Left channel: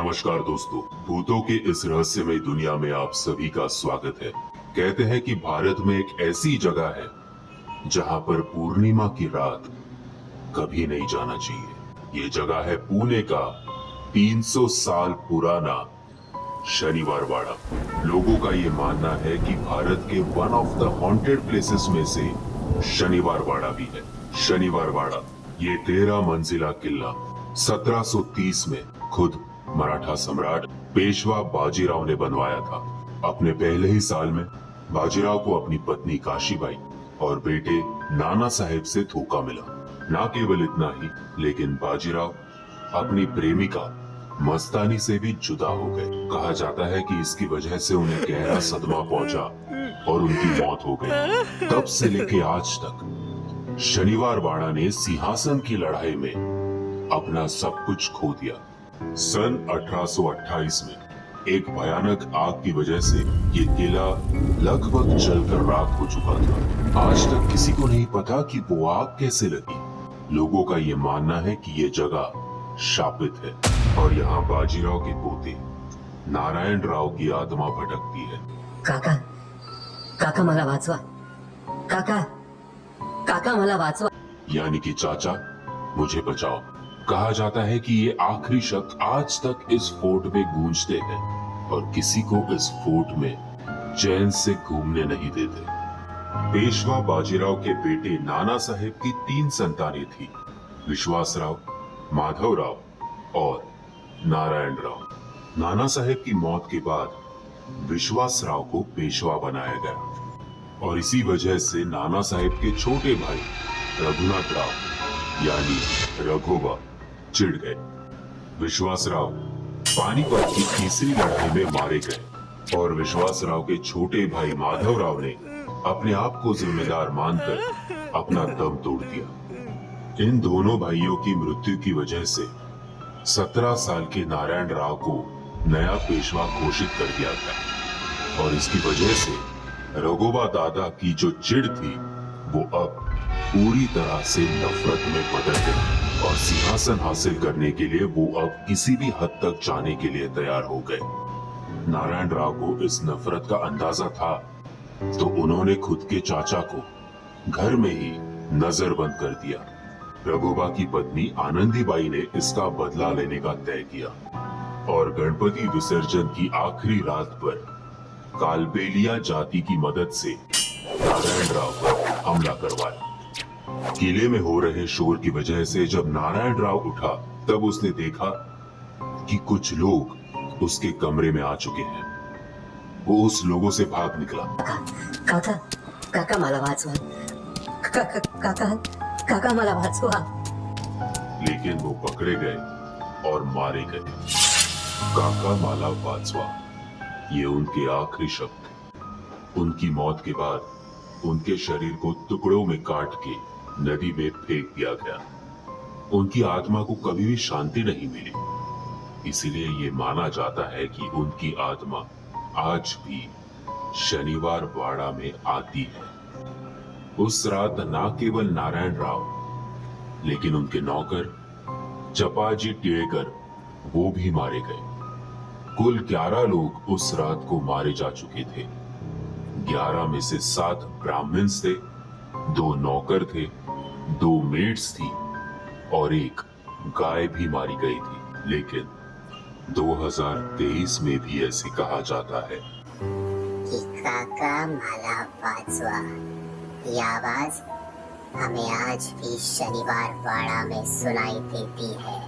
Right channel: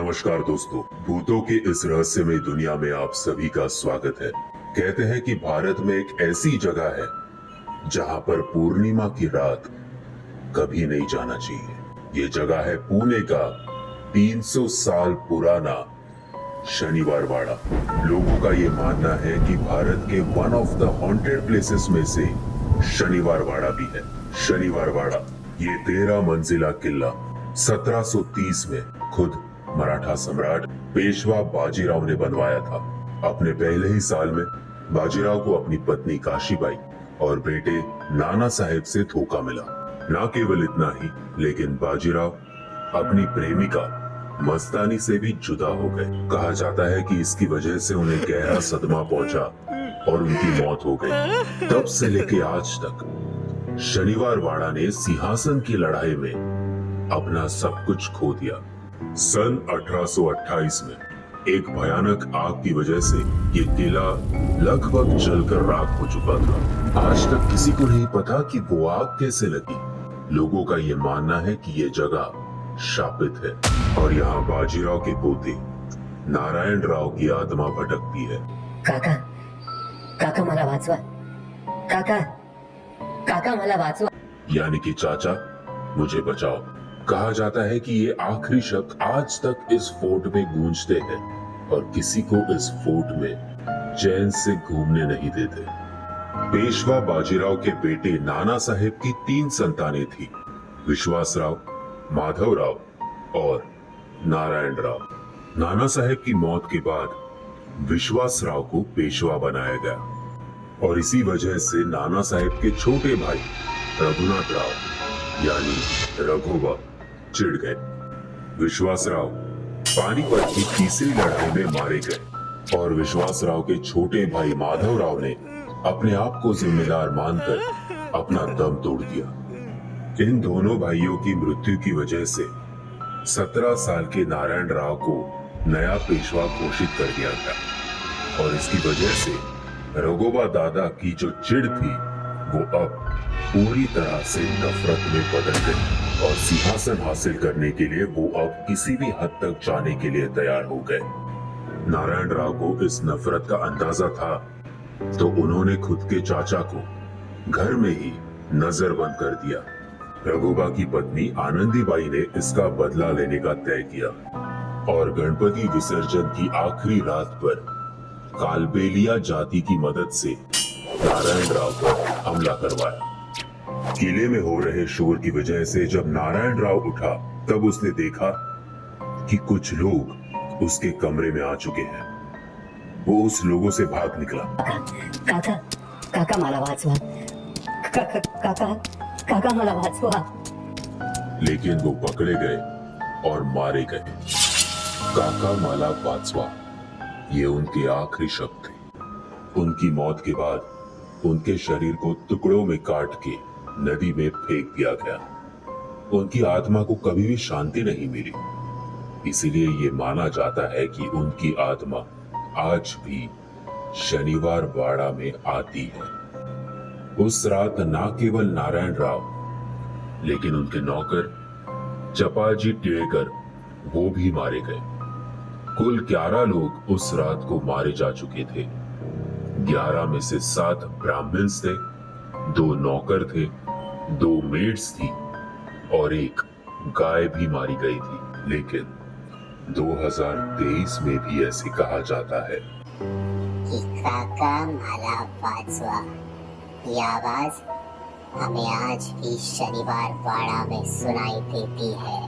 नमस्कार दोस्तों, भूतों की इस रहस्यमय दुनिया में आप सभी का स्वागत है। कहते हैं कि भारत में एक ऐसी जगह है जहां पर पूर्णिमा की रात कभी नहीं जाना चाहिए। ये जगह है पुणे का 300 साल पुराना शनिवार वाड़ा। लोगों का ये मानना है कि भारत के one of the haunted places में से शनिवार वाड़ा भी है। शनिवार वाड़ा ये 13 मंजिला किला 1730 में खुद मराठा सम्राट पेशवा बाजीराव ने बनवाया था। अपने पहले ही साल में बाजीराव को अपनी पत्नी काशीबाई और बेटे नाना साहेब से धोखा मिला। न केवल इतना ही, लेकिन बाजीराव अपनी प्रेमिका मस्तानी से भी जुदा हो गए। कहा जाता है कि इसकी वजह से उन्हें गहरा सदमा पहुंचा और उनकी मौत हो गई। तब से लेके आज तक शनिवार वाड़ा ने सिंहासन की लड़ाई में अपना सब कुछ खो दिया। सन 1828 में एक भयानक आग की वजह से ये किला लगभग जलकर राख हो चुका था। आज तक किसी को नहीं पता कि वो आग कैसे लगी। लोगों का ये मानना है कि ये जगह शापित है और यहाँ बाजीराव के पोते नारायण राव की आत्मा भटकती है। काका, काका मला वाचवा। काका, काका मला वाचवा। यानी कि चाचा, मुझे बचाओ। कहा जाता है कि ये आखिरी शब्द आज तक इस फोर्ट में गूंजते हैं और किसी को इस फोर्ट में चैन से घूमने नहीं देते। पेशवा बाजीराव के बेटे नाना साहेब की 3 संतानें थी, विश्वासराव, माधवराव और नारायण राव। नाना साहेब की मौत के बाद विश्वासराव को पेशवा बनाया गया और इसी वजह से नाना साहेब के छोटे भाई रघुनाथ राव यानी रघोबा चिढ़ गए। विश्वासराव पानीपत की तीसरी लड़ाई में मारे गए और विश्वासराव के छोटे भाई माधवराव ने अपने आप को जिम्मेदार मानकर अपना दम तोड़ दिया। इन दोनों भाइयों की मृत्यु की वजह से 17 साल के नारायण राव को नया पेशवा घोषित कर दिया गया और इसकी वजह से रघोबा दादा की जो चिढ़ थी वो अब पूरी तरह से नफरत में बदल गई और सिंहासन हासिल करने के लिए वो अब किसी भी हद तक जाने के लिए तैयार हो गए। नारायण राव को इस नफरत का अंदाजा था तो उन्होंने खुद के चाचा को घर में ही नजरबंद कर दिया। रघुबा की पत्नी आनंदीबाई ने इसका बदला लेने का तय किया और गणपति विसर्जन की आखिरी रात पर कालबेलिया जाति की मदद से नारायण राव पर हमला करवाया। किले में हो रहे शोर की वजह से जब नारायण राव उठा तब उसने देखा कि कुछ लोग उसके कमरे में आ चुके हैं। वो उस लोगों से भाग निकला। काका, काका मला वाचवा। काका, काका, काका मला वाचवा। लेकिन वो पकड़े गए और मारे गए। काका माला वाचवा, ये उनके आखिरी शब्द थे। उनकी मौत के बाद उनके शरीर को टुकड़ों में काट के नदी में फेंक दिया गया। उनकी आत्मा को कभी भी शांति नहीं मिली, इसीलिए ये माना जाता है कि उनकी आत्मा आज भी शनिवार वाड़ा में आती है। उस रात न केवल नारायण राव लेकिन उनके नौकर चपाजी टिळेकर वो भी मारे गए। कुल 11 लोग उस रात को मारे जा चुके थे। 11 में से 7 ब्राह्मण्स थे, 2 नौकर थे, 2 मेड्स थी और एक गाय भी मारी गई थी। लेकिन 2023 में भी ऐसे कहा जाता है कि काका माला वाचवा, ये आवाज हमें आज भी शनिवार वाड़ा में सुनाई देती है।